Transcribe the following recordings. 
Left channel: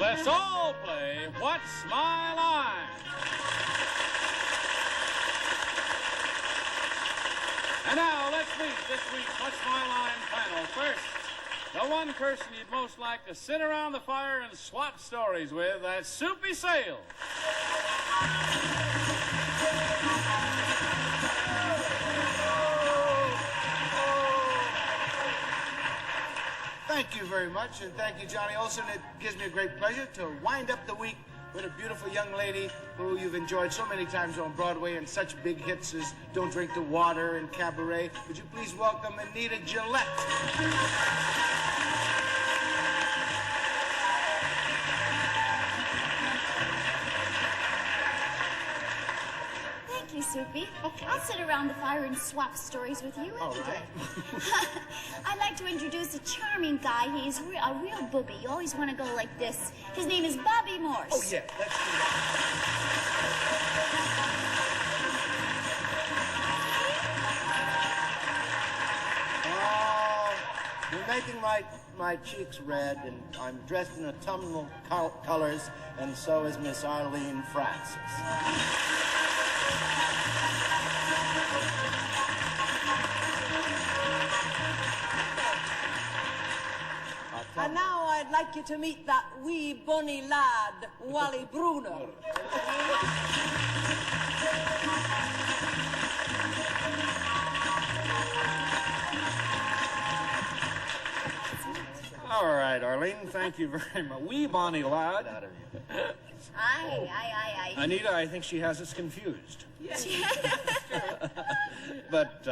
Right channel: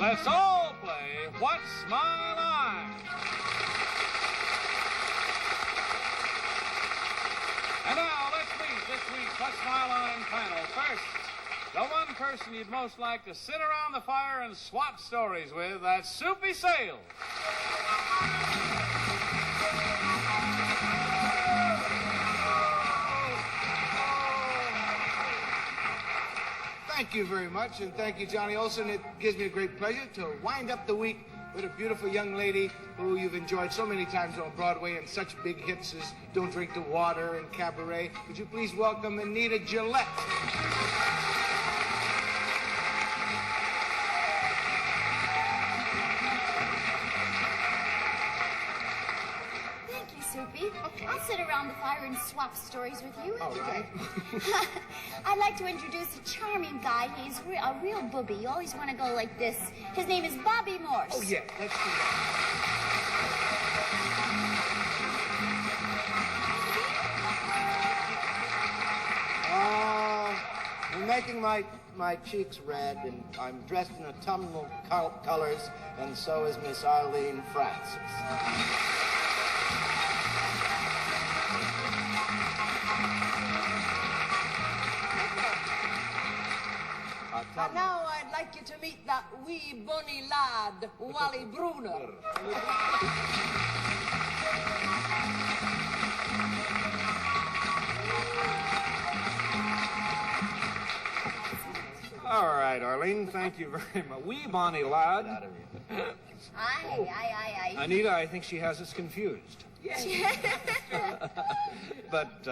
Let's all play What's My Line? And now, let's meet this week's What's My Line panel. First, the one person you'd most like to sit around the fire and swap stories with, that's Soupy Sales. Thank you very much, and thank you, Johnny Olson. It gives me a great pleasure to wind up the week with a beautiful young lady who you've enjoyed so many times on Broadway and such big hits as Don't Drink the Water and Cabaret. Would you please welcome Anita Gillette? Thank you, Soupy. Okay. I'll sit around the fire and swap stories with you any day. I'd like to introduce a charming guy. He's a real booby. You always want to go like this. His name is Bobby Morse. Oh, yeah, let's do that. Oh, you're making my cheeks red, and I'm dressed in autumnal colors, and so is Miss Arlene Francis. And now I'd like you to meet that wee bonny lad, Wally Bruner. All right, Arlene, thank you very much. Wee bonny lad. Aye. Anita, I think she has us confused. Yes. But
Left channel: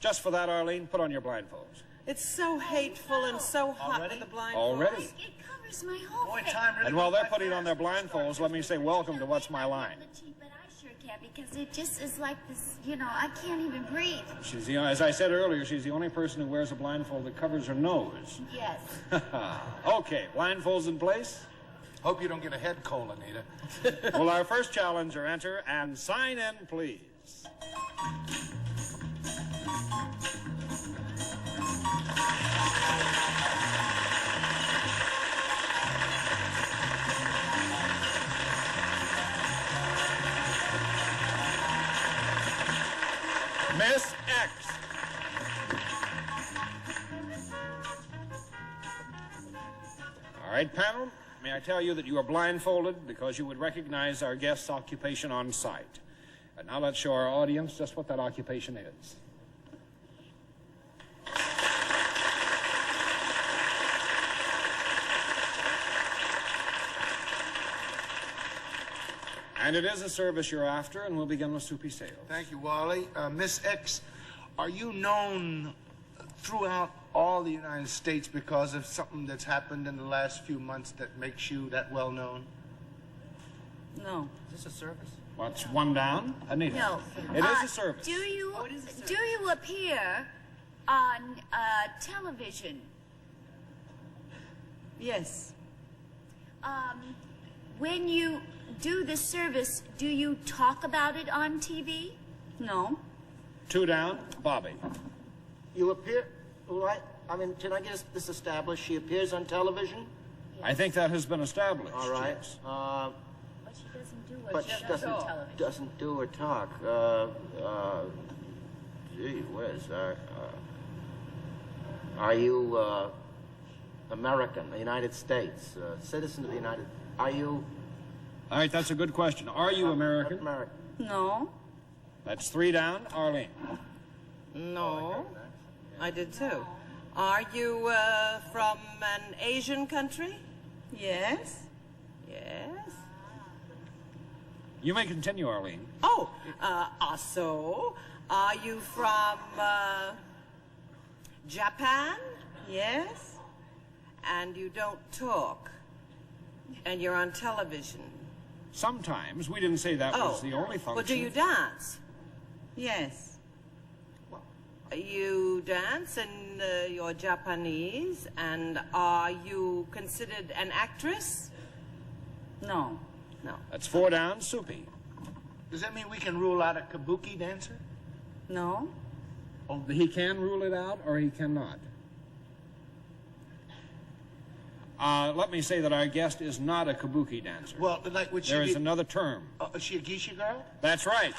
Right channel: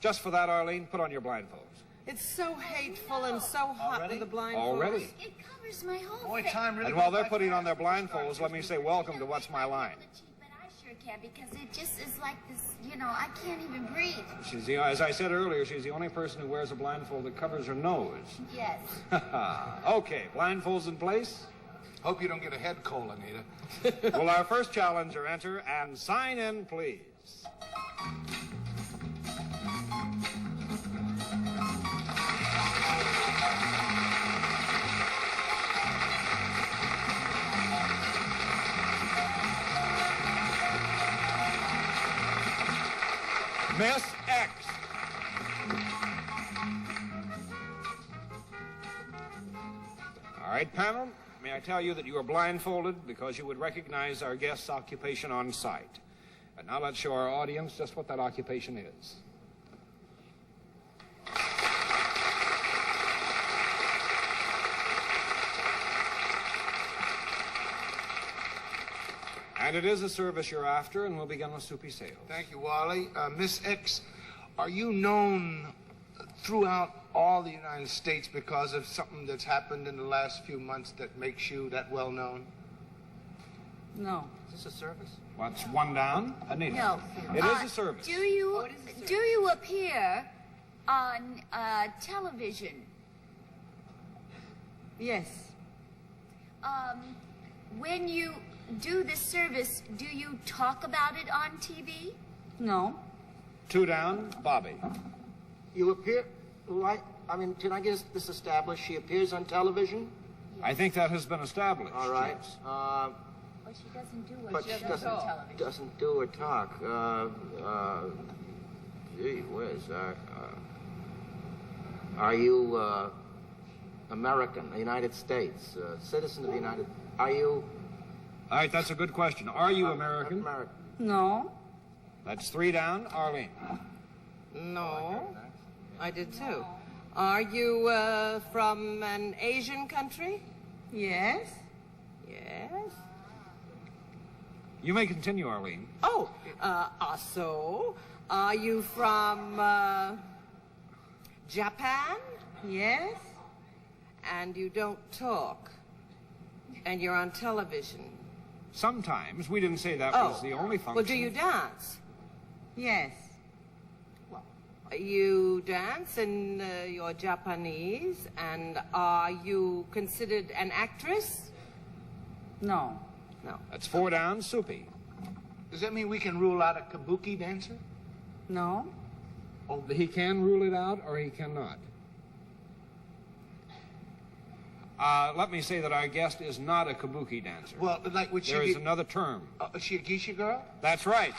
just for that, Arlene, put on your blindfolds. It's so hateful and so hot with the blindfolds. Already? It covers my whole Boy, face. time really And while goes they're by putting on fast. their blindfolds, let me say welcome to What's My Line. But I sure can, because it just is like this, I can't even breathe. She's as I said earlier, she's the only person who wears a blindfold that covers her nose. Yes. Okay, blindfolds in place. Hope you don't get a head cold, Anita. Will our first challenger enter and sign in, please? Miss X. All right, panel, may I tell you that you are blindfolded because you would recognize our guest's occupation on sight. And now let's show our audience just what that occupation is. And it is a service you're after, and we'll begin with Soupy Sales. Thank you, Wally. Miss X, are you known throughout all the United States because of something that's happened in the last few months that makes you that well known? No. Is this a service? What's one down? Anita. No. It is a service. Do you appear on television? Yes. When you do this service, do you talk about it on TV? No. Two down, Bobby. You appear... can I get this established? She appears on television? I think that has been established. All right. Yes. But she doesn't do it. But she doesn't do or talk. Gee whiz. Are you American, the United States, citizen of the United... Are you... All right, that's a good question. Are you American? American. No. That's three down, Arlene. No. I did too. Are you from an Asian country? Yes. Yes. You may continue, Arlene. Oh, also, are you from Japan? Yes. And you don't talk. And you're on television. Sometimes. We didn't say that was the only function. Well, do you dance? Yes. You dance and you're Japanese, and are you considered an actress? No. No. That's 4 down. Soupy. Does that mean we can rule out a kabuki dancer? No. Oh, he can rule it out or he cannot. Let me say that our guest is not a kabuki dancer. Well, like, would she There be... is another term. Is she a geisha girl? That's right.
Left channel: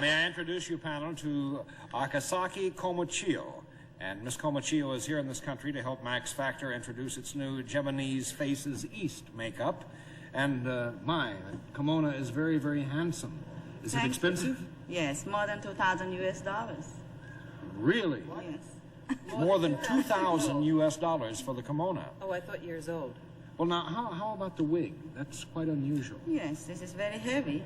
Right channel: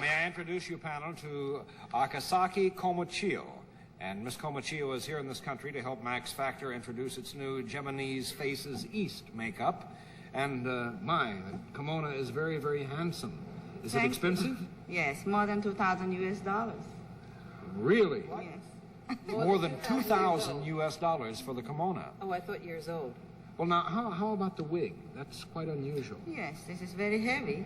May I introduce you, panel, to Akasaki Komochio. And Miss Komochio is here in this country to help Max Factor introduce its new Japanese Faces East makeup. And, my, kimono is very, very handsome. Is it Thank expensive? Yes, more than $2,000 US. Really? Yes. More than $2,000 US for the kimono. Oh, I thought years old. Well, now, how about the wig? That's quite unusual. Yes, this is very heavy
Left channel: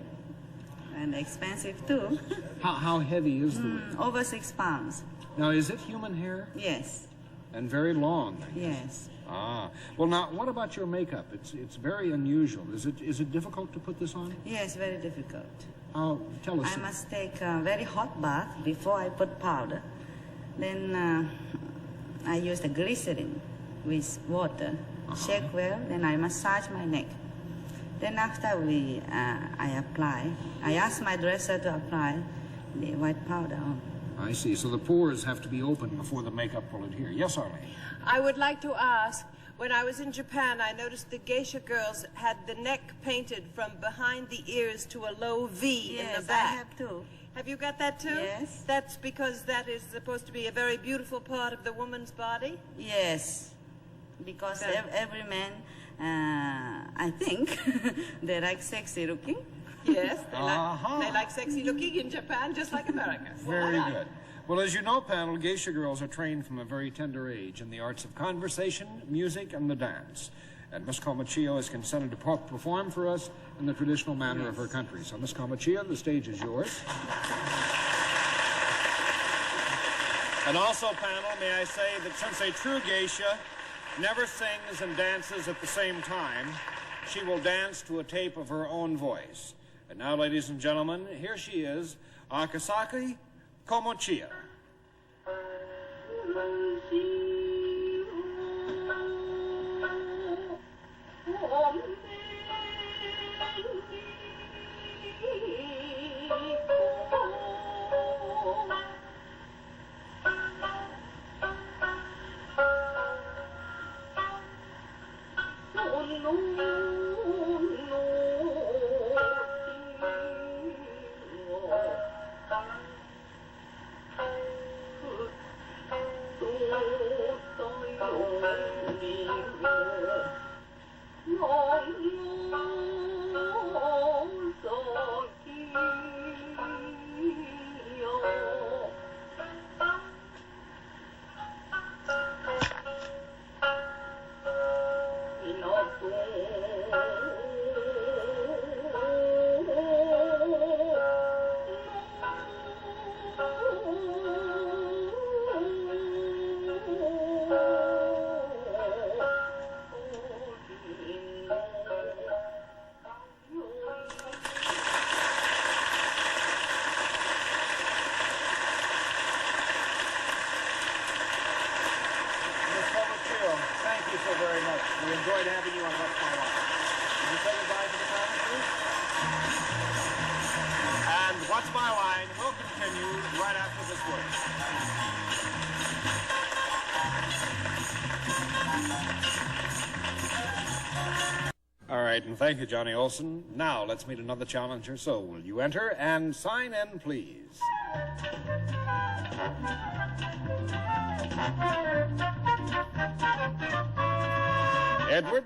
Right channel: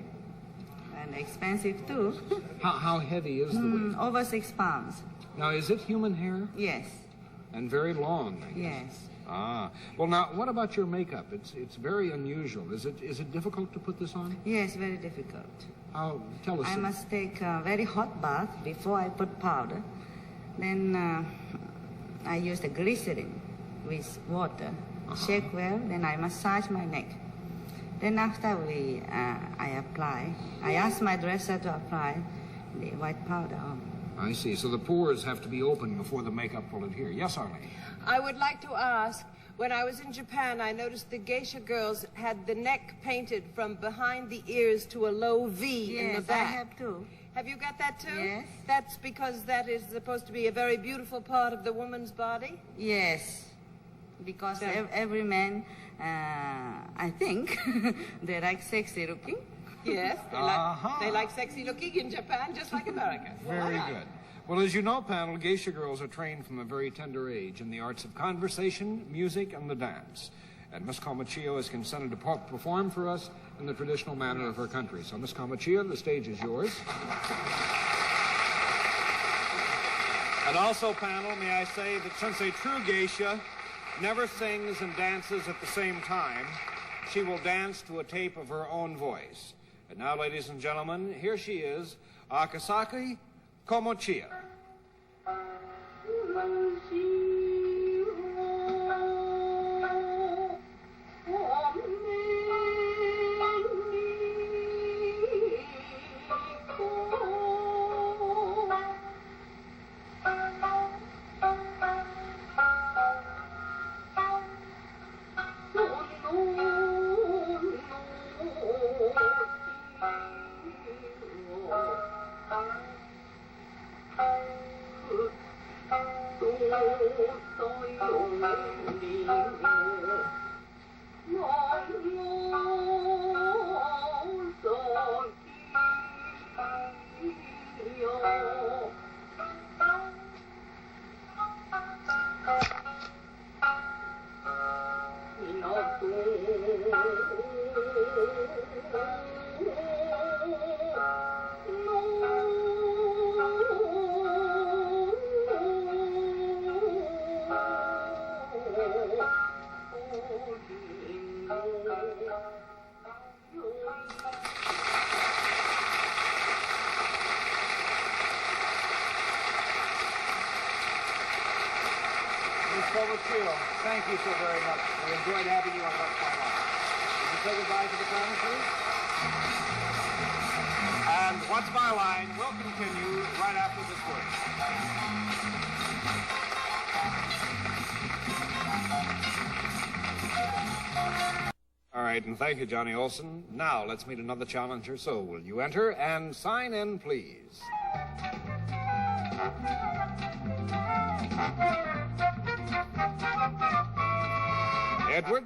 and expensive too. How heavy is the wig? Over 6 pounds. Now, is it human hair? Yes. And very long, I guess. Yes. Ah. Well, now, what about your makeup? It's very unusual. Is it difficult to put this on? Yes, very difficult. Tell us. I must take a very hot bath before I put powder. Then I use the glycerin with water. Shake well, then I massage my neck. Then after I apply, I ask my dresser to apply the white powder on. I see. So the pores have to be open before the makeup will adhere. Yes, Arlene? I would like to ask, when I was in Japan, I noticed the geisha girls had the neck painted from behind the ears to a low V in the Yes, back. I have too. Have you got that too? Yes. That's because that is supposed to be a very beautiful part of the woman's body? Yes, because Yeah. every man, I think, they like sexy looking. Yes, Uh-huh. they like sexy looking in Japan, just like America. Very good. Well, as you know, panel, geisha girls are trained from a very tender age in the arts of conversation, music, and the dance. And Miss Komochio has consented to perform for us in the traditional manner of her country. So, Miss Komochio, the stage is yours. And also, panel, may I say that since a true geisha never sings and dances at the same time, she will dance to a tape of her own voice. And now, ladies and gentlemen, here she is, Akasaki Komochio. Thank you so very much. We enjoyed having you on What's My Line. Would you say goodbye to the panel, please? And What's My Line will continue right after this word. All right, and thank you, Johnny Olson. Now let's meet another challenger. So will you enter and sign in, please? Edward.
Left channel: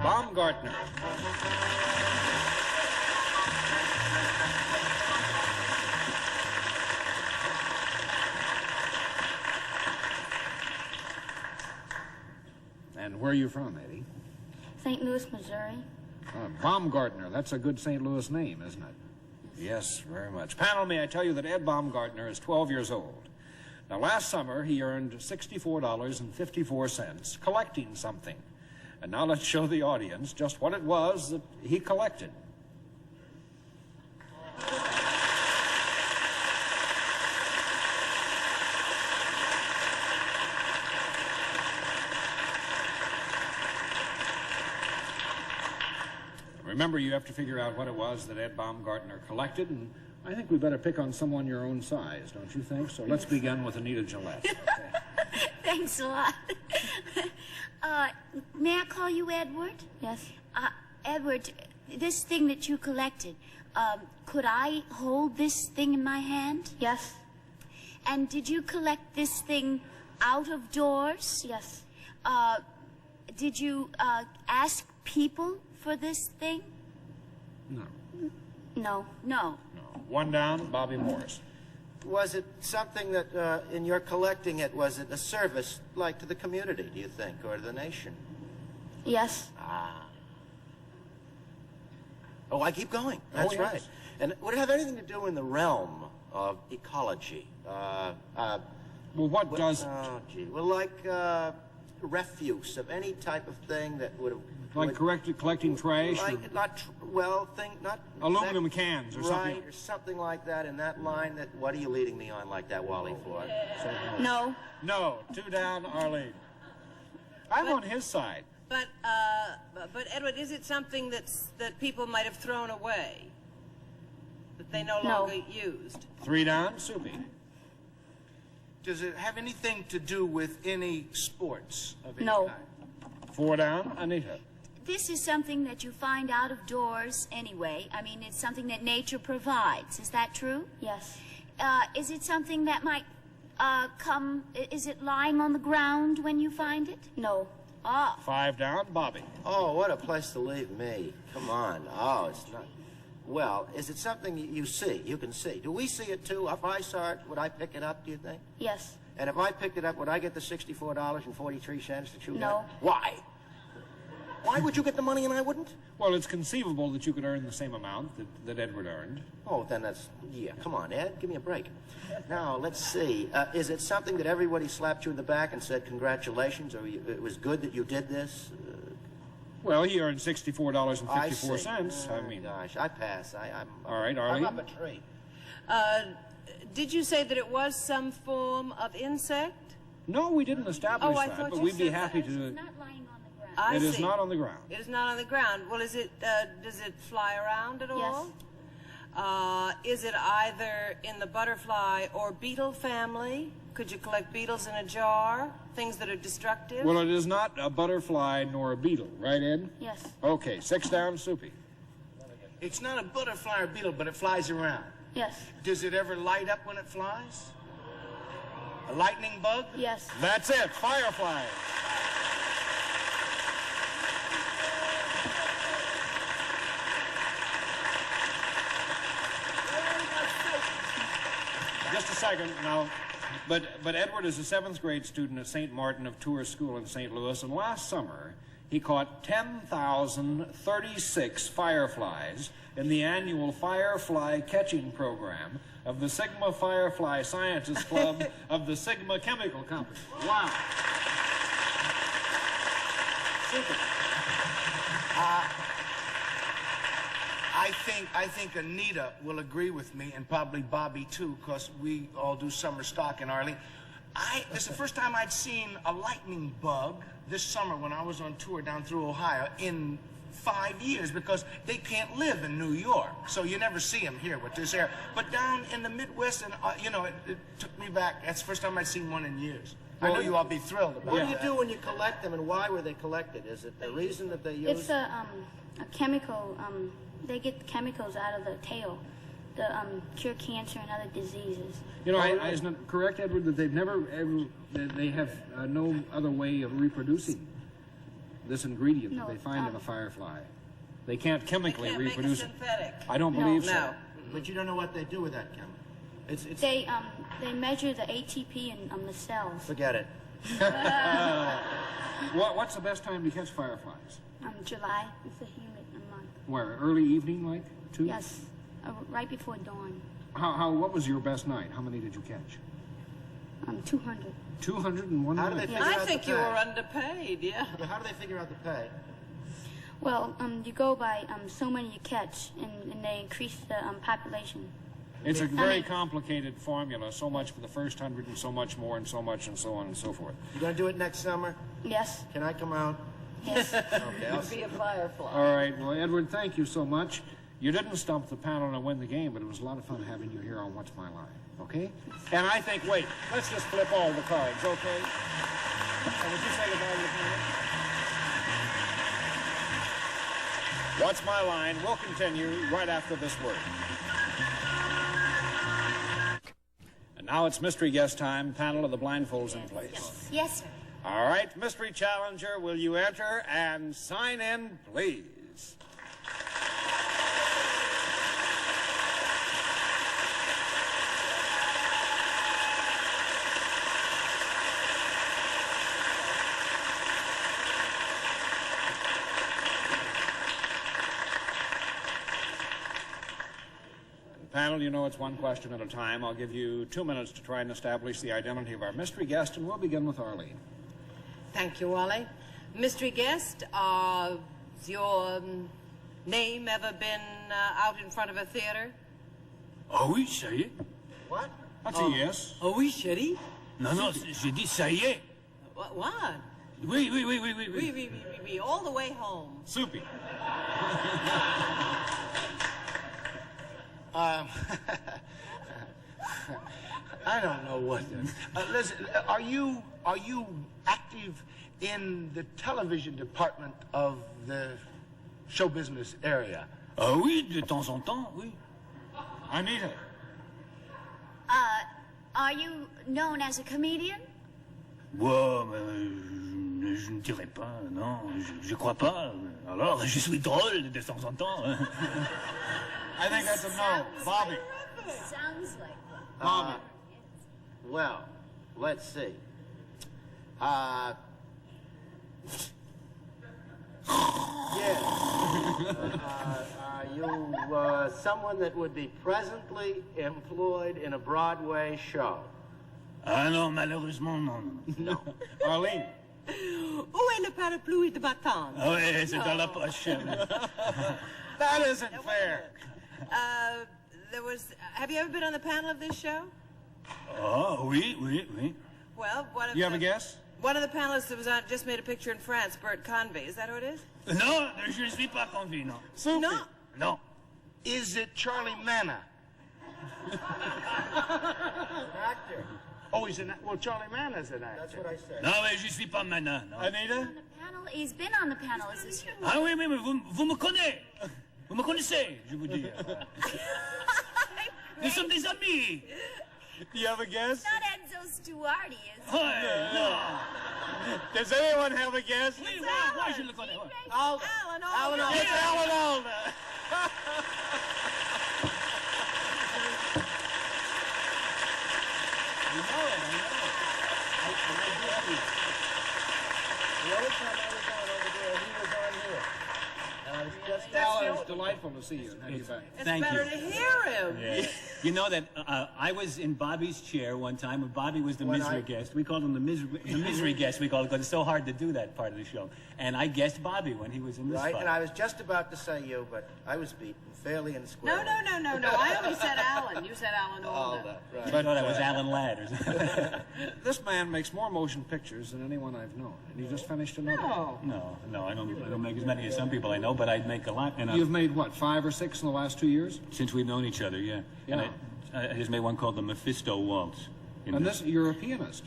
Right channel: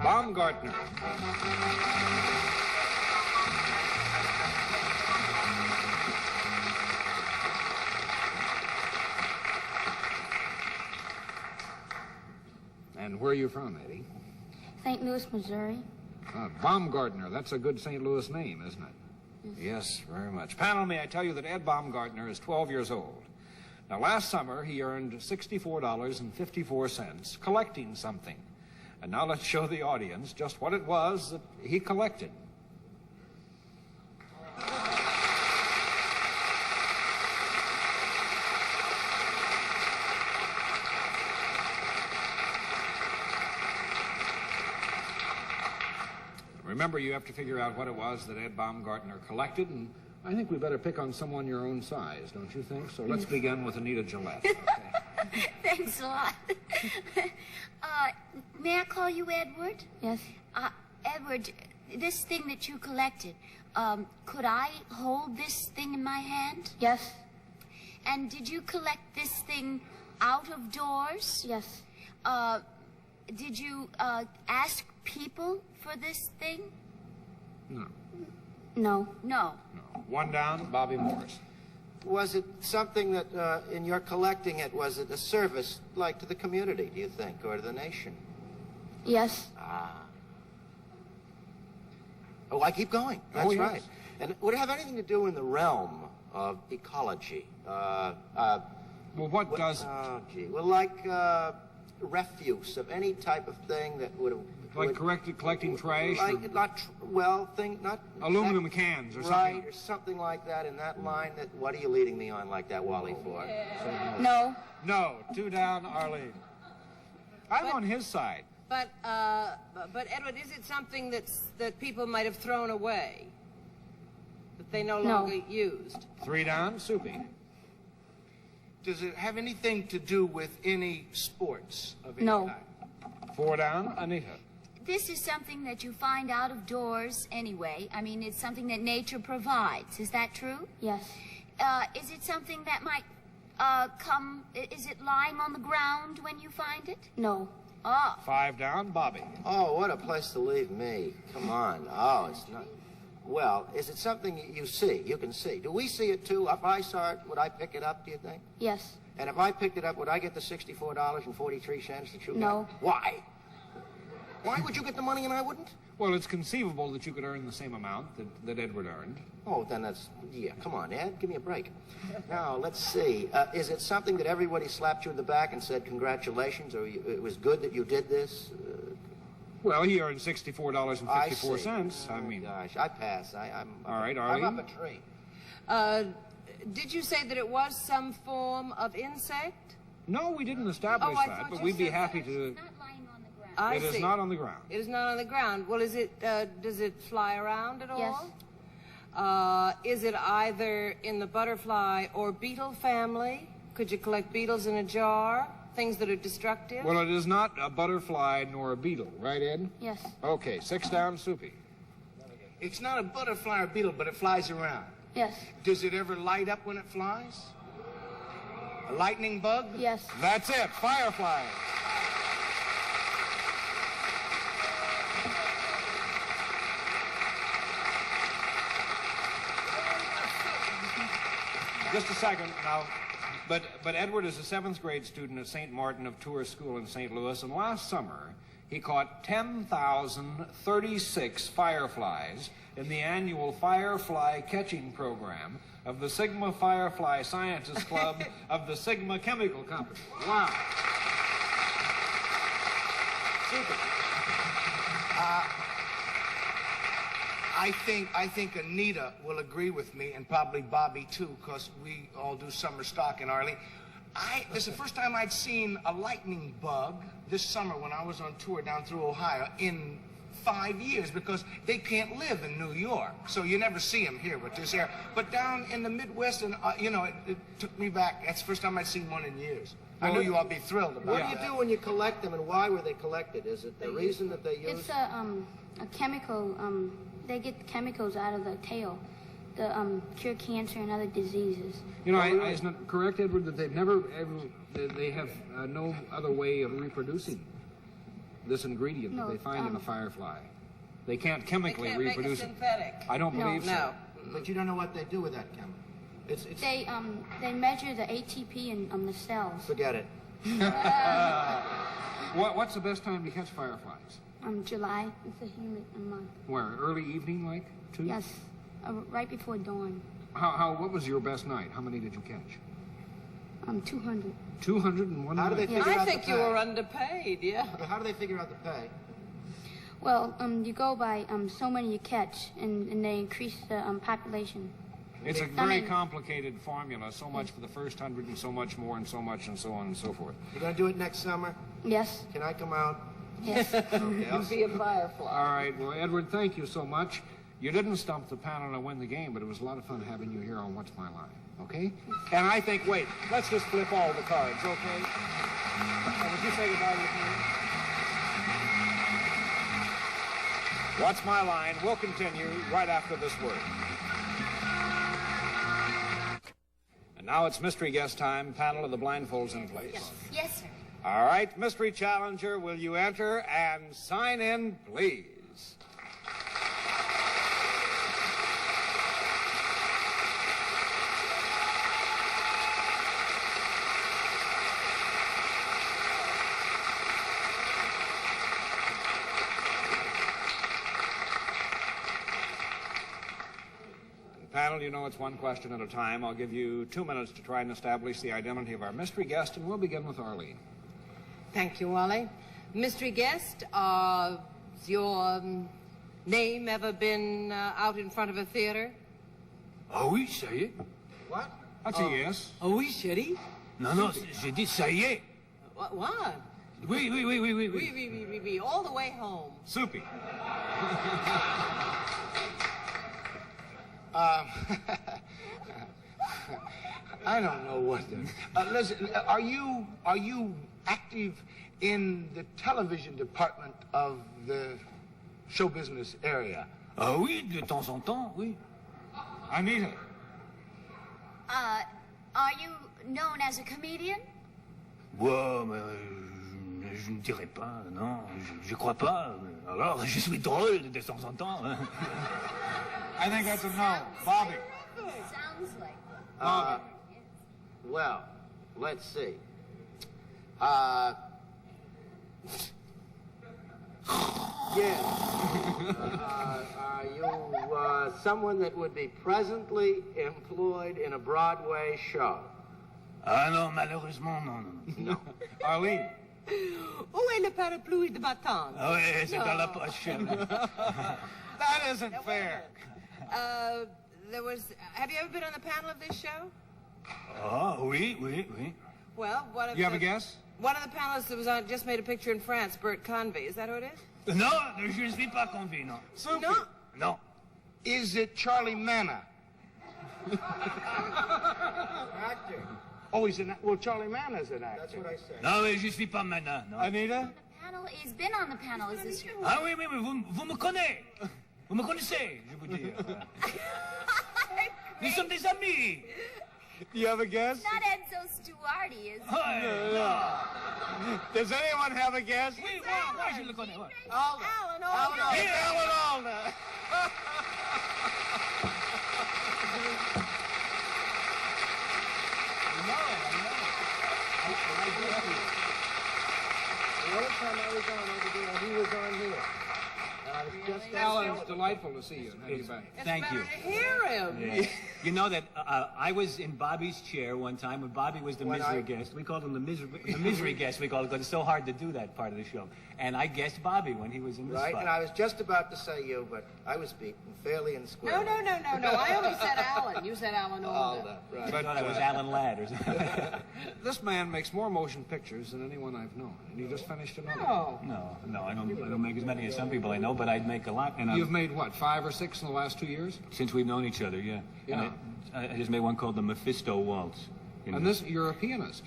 Baumgartner. And where are you from, Eddie? St. Louis, Missouri. Baumgartner. That's a good St. Louis name, isn't it? Yes, very much. Panel, may I tell you that Ed Baumgartner is 12 years old. Now, last summer, he earned $64.54 collecting something. And now let's show the audience just what it was that he collected. Remember, you have to figure out what it was that Ed Baumgartner collected, and I think we better pick on someone your own size, don't you think? So let's begin with Anita Gillette. Okay. Thanks a lot. May I call you Edward? Yes. Edward, this thing that you collected, could I hold this thing in my hand? Yes. And did you collect this thing out of doors? Yes. Did you ask people for this thing? No. No. No. No. One down, Bobby Morris. Was it something that, in your collecting it, was it a service, like to the community, do you think, or to the nation? Yes. Oh, I keep going. That's yes. right. And would it have anything to do in the realm of ecology? Well, what does... Oh, gee. Well, like refuse of any type of thing that would have... Like collecting trash? Like, not Aluminum cans or something? Right, or something like that in that line. That. What are you leading me on like that, Wally, for? No. No. Two down, Arlene. I'm on his side. But Edward, is it something that people might have thrown away? That they no longer used? Three down, Soupy. Does it have anything to do with any sports of any No. kind? Four down, Anita. This is something that you find out of doors anyway. I mean, it's something that nature provides. Is that true? Yes. Is it something that might is it lying on the ground when you find it? No. Ah. Five down, Bobby. Oh, what a place to leave me. Come on. Oh, it's not... Well, is it something you see? You can see. Do we see it, too? If I saw it, would I pick it up, do you think? Yes. And if I picked it up, would I get the $64.43 that you got? No. Why? Why would you get the money and I wouldn't? Well, it's conceivable that you could earn the same amount that Edward earned. Oh, then that's... Yeah, come on, Ed. Give me a break. Now, let's see. Is it something that everybody slapped you in the back and said congratulations, or it was good that you did this? Well, he earned $64.54. I mean... Gosh, I pass. I'm all right, Arlene. I'm up a tree. Did you say that it was some form of insect? No, we didn't establish I that, thought but you we'd be said happy It's to... not lying on the ground. I It is see. not on the ground. It is not on the ground. Well, is it? Does it fly around at all? Is it either in the butterfly or beetle family? Could you collect beetles in a jar? Things that are destructive? Well, it is not a butterfly nor a beetle, right, Ed? Yes. Okay, six down, Soupy. It's not a butterfly or beetle, but it flies around. Yes. Does it ever light up when it flies? A lightning bug? Yes. That's it, fireflies. Just a second now. But Edward is a 7th grade student at St. Martin of Tours School in St. Louis, and last summer he caught 10,036 fireflies in the annual Firefly Catching Program of the Sigma Firefly Scientists Club of the Sigma Chemical Company. Wow. Super. I think Anita will agree with me, and probably Bobby too, because we all do summer stock in Arlene. This is the first time I'd seen a lightning bug this summer when I was on tour down through Ohio in 5 years, because they can't live in New York, so you never see them here with this air. But down in the Midwest, and you know, it took me back. That's the first time I'd seen one in years. I know you all be thrilled about What that. do you do when you collect them, and why were they collected? Is it the reason that they use? It's a chemical. They get chemicals out of the tail to cure cancer and other diseases. You know, isn't it correct, Edward, that they've never ever, they have no other way of reproducing this ingredient that No, they find in a firefly? They can't chemically They can't make a reproduce it. synthetic. I don't believe so. No. But you don't know what they do with that chemical. It's They measure the ATP in the cells. forget it. What's the best time to catch fireflies? July. It's a humid month. Where, early evening, like 2? Yes. right before dawn. What was your best night? How many did you catch? 200. 201 How do they nights. figure I out think the you pay? were underpaid, yeah. How do they figure out the pay? Well, you go by so many you catch, and they increase the population. It's a very complicated formula. So much for the first 100 and so much more and so much and so on and so forth. You gonna do it next summer? Yes. Can I come out? Yes. Okay, I'll Be a firefly. All right, well, Edward, thank you so much. You didn't stump the panel and win the game, but it was a lot of fun having you here on What's My Line, okay? And I think, wait, let's just flip all the cards, okay? And would you say goodbye to the panel? What's My Line? We'll continue right after this word. And now it's mystery guest time. Panel of the blindfolds in place. Yes, sir. All right, mystery challenger, will you enter and sign in, please? Panel, you know it's one question at a time. I'll give you 2 minutes to try and establish the identity of our mystery guest, and we'll begin with Arlene. Thank you, Wally. Mystery guest, has your name ever been out in front of a theater? Ah oui, ça y est. What? That's a yes. Ah oui, chérie. Non, non, j'ai dit ça y est. What? Oui, oui, oui, oui, oui. We, all the way home. Soupy. I don't know what. Listen, are you active in the television department of the show business area? Ah oui, de temps en temps, oui. Anita. Are you known as a comedian? Ouais, mais je ne dirais pas, non, je crois pas. Alors, je suis drôle de temps en temps. Hein. I think that's a no. Bobby. Sounds like one. Bobby. Well, let's see. Yes. Are you someone that would be presently employed in a Broadway show? Ah non, malheureusement, non. No. Arlene. Où est le parapluie de ma tante? Ah oui, c'est dans la poche. That isn't fair. Have you ever been on the panel of this show? Ah oui, oui, oui. Well, one of You have a guess? One of the panelists that was on just made a picture in France, Bert Convey. Is that who it is? Non, je ne suis pas convaincu, non. Soupy. No. Non. Is it Charlie Manna? Actor. Oh, well, Charlie Manna's an actor. That's what I said. Non, mais je suis pas maintenant, non. Anita? On the panel. He's been on the panel. Is this your? Ah oui, oui, mais vous me connaissez. Vous me connaissez, je veux dire. Nous sommes des amis. Do you have a guess? Not Enzo Stuardi, is it? Ouais, non. Does anyone have a guess? Oui, moi, je le connais. Ouais. Alan Alda. It's Alan Alda. The only time I was on over there, he was on here. And I was just... Alan, it's delightful to see you and have you back. It's Thank better you. to hear him. Yeah. You know that I was in Bobby's chair one time when Bobby was the When misery I- guest. We called him the misery guest. We called it because it's so hard to do that part of the show. And I guessed Bobby when he was in this Right, spot. and I was just about to say you, but I was beaten fairly and No. squarely. I only said Alan. You said Alan Alda. Right. I thought it was Alan Ladd or something. This man makes more motion pictures than anyone I've known, and you just finished another. No. No, I don't make as many as some people I know, but I make a lot. And You've made, what, 5 or 6 in the last 2 years? since we've known each other, yeah. Yeah. And I just made one called the Mephisto Waltz. And this, you're a pianist.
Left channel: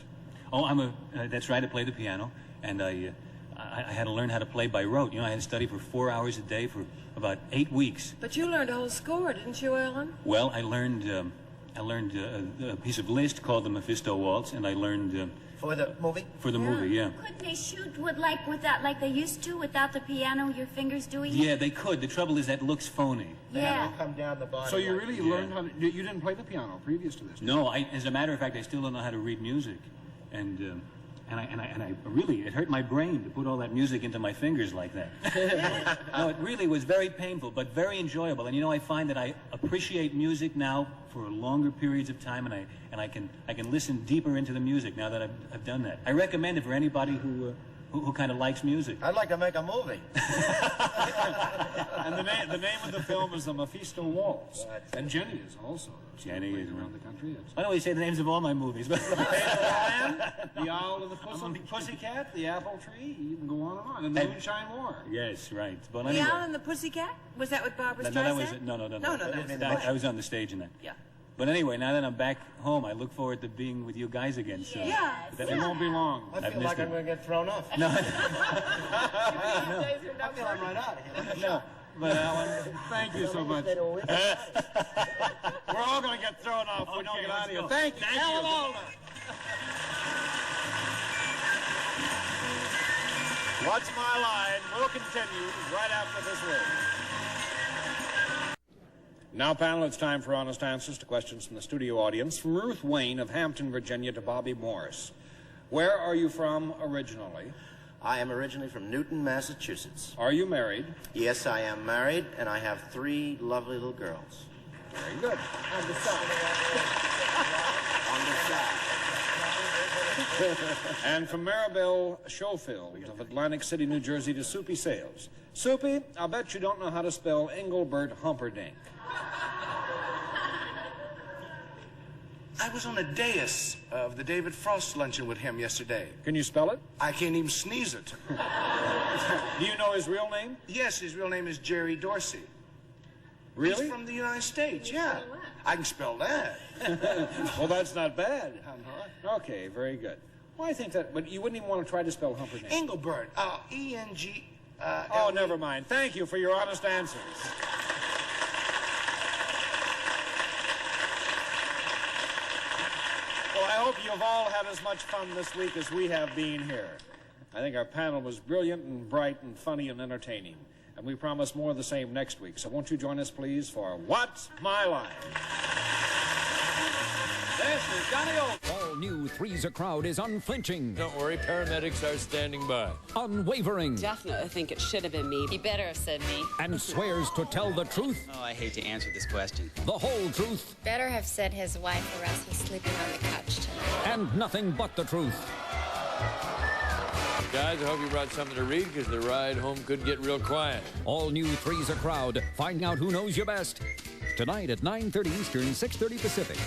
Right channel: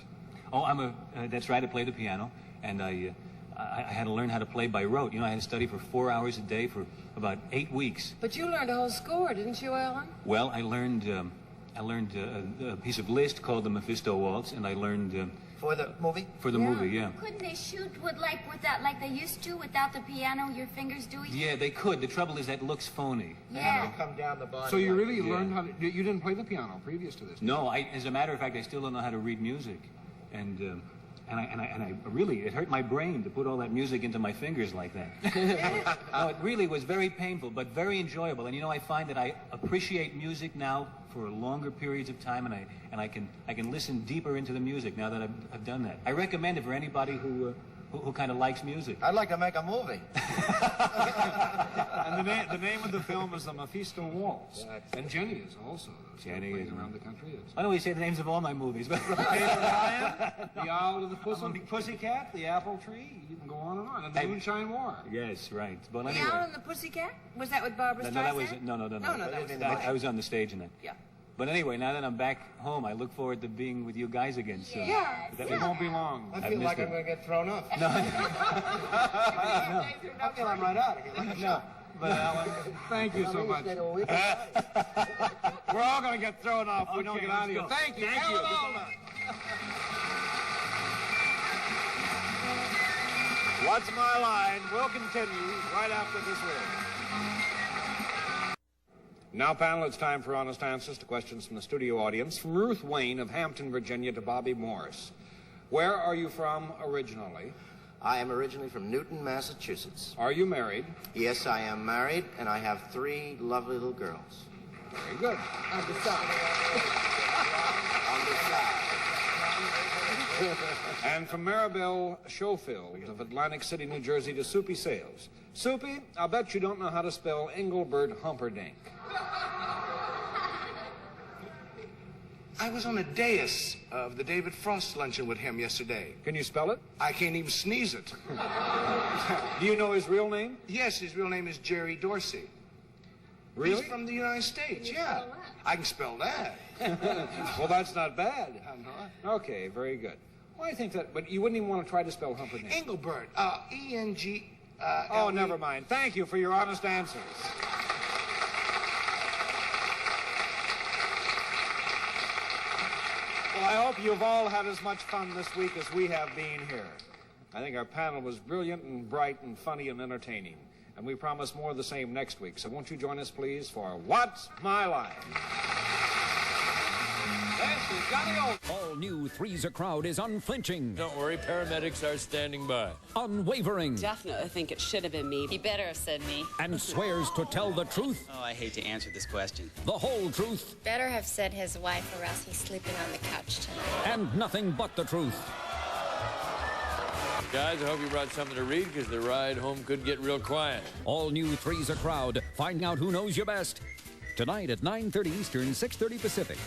Oh, that's right, I play the piano, and I had to learn how to play by rote. You know, I had to study for 4 hours a day for about 8 weeks. But you learned a whole score, didn't you, Alan? Well, I learned a piece of Liszt called the Mephisto Waltz, and I learned For the movie? for the movie, yeah. Couldn't they shoot without like they used to without the piano? Your fingers doing it? Yeah, they could. The trouble is that looks phony. Yeah. Come down the bottom. So you like- really learned how to... You didn't play the piano previous to this? No, as a matter of fact, I still don't know how to read music, and And I really, it hurt my brain to put all that music into my fingers like that. No, it really was very painful, but very enjoyable. And you know, I find that I appreciate music now for longer periods of time, and I can listen deeper into the music now that I've done that. I recommend it for anybody who kind of likes music. I'd like to make a movie. And the name of the film is The Mephisto Waltz. And Jenny is also. Jenny is around the country. I don't always say the names of all my movies, but Lion, The Owl and the Pussycat, The Apple Tree. You can go on and on. And The Moonshine War. Yes, right. But The anyway. Owl and the Pussycat? Was that with Barbara Streisand? No, that was no. No, that was I was on the stage in that. Yeah. But anyway, now that I'm back home, I look forward to being with you guys again soon. Yeah. It won't be long. I feel like I'm going to get thrown off. No. I feel I'm right out of here. No. But Alan, thank you so much. We're all going to get thrown off if we don't get out of here. Thank you, Alan Alda. What's My Line will continue right after this word. Now, panel, it's time for honest answers to questions from the studio audience. From Ruth Wayne of Hampton, Virginia, to Bobby Morse. Where are you from originally? I am originally from Newton, Massachusetts. Are you married? Yes, I am married, and I have 3 lovely little girls. Very good. On the side. And from Maribel Schofield of Atlantic City, New Jersey, to Soupy Sales. Soupy, I'll bet you don't know how to spell Engelbert Humperdinck. I was on a dais of the David Frost luncheon with him yesterday. Can you spell it? I can't even sneeze it. Do you know his real name? Yes, his real name is Jerry Dorsey. Really? He's from the United States, yeah. I can spell that. Well, that's not bad. I'm not. Okay, very good. Well, I think that, but you wouldn't even want to try to spell Humperdinck. Engelbert, E-N-G... Oh, never mind. Thank you for your honest answers. Well, I hope you've all had as much fun this week as we have been here. I think our panel was brilliant and bright and funny and entertaining. And we promise more of the same next week. So won't you join us, please, for What's My Line? This is Johnny Old. All new Three's a Crowd is unflinching. Don't worry, paramedics are standing by. Unwavering. Definitely think it should have been me. He better have said me. And swears to tell the truth. Oh, I hate to answer this question. The whole truth. Better have said his wife, or else he's sleeping on the couch tonight. And nothing but the truth. Guys, I hope you brought something to read, because the ride home could get real quiet. All new Three's a Crowd. Find out who knows you best. Tonight at 9:30 Eastern, 6:30 Pacific.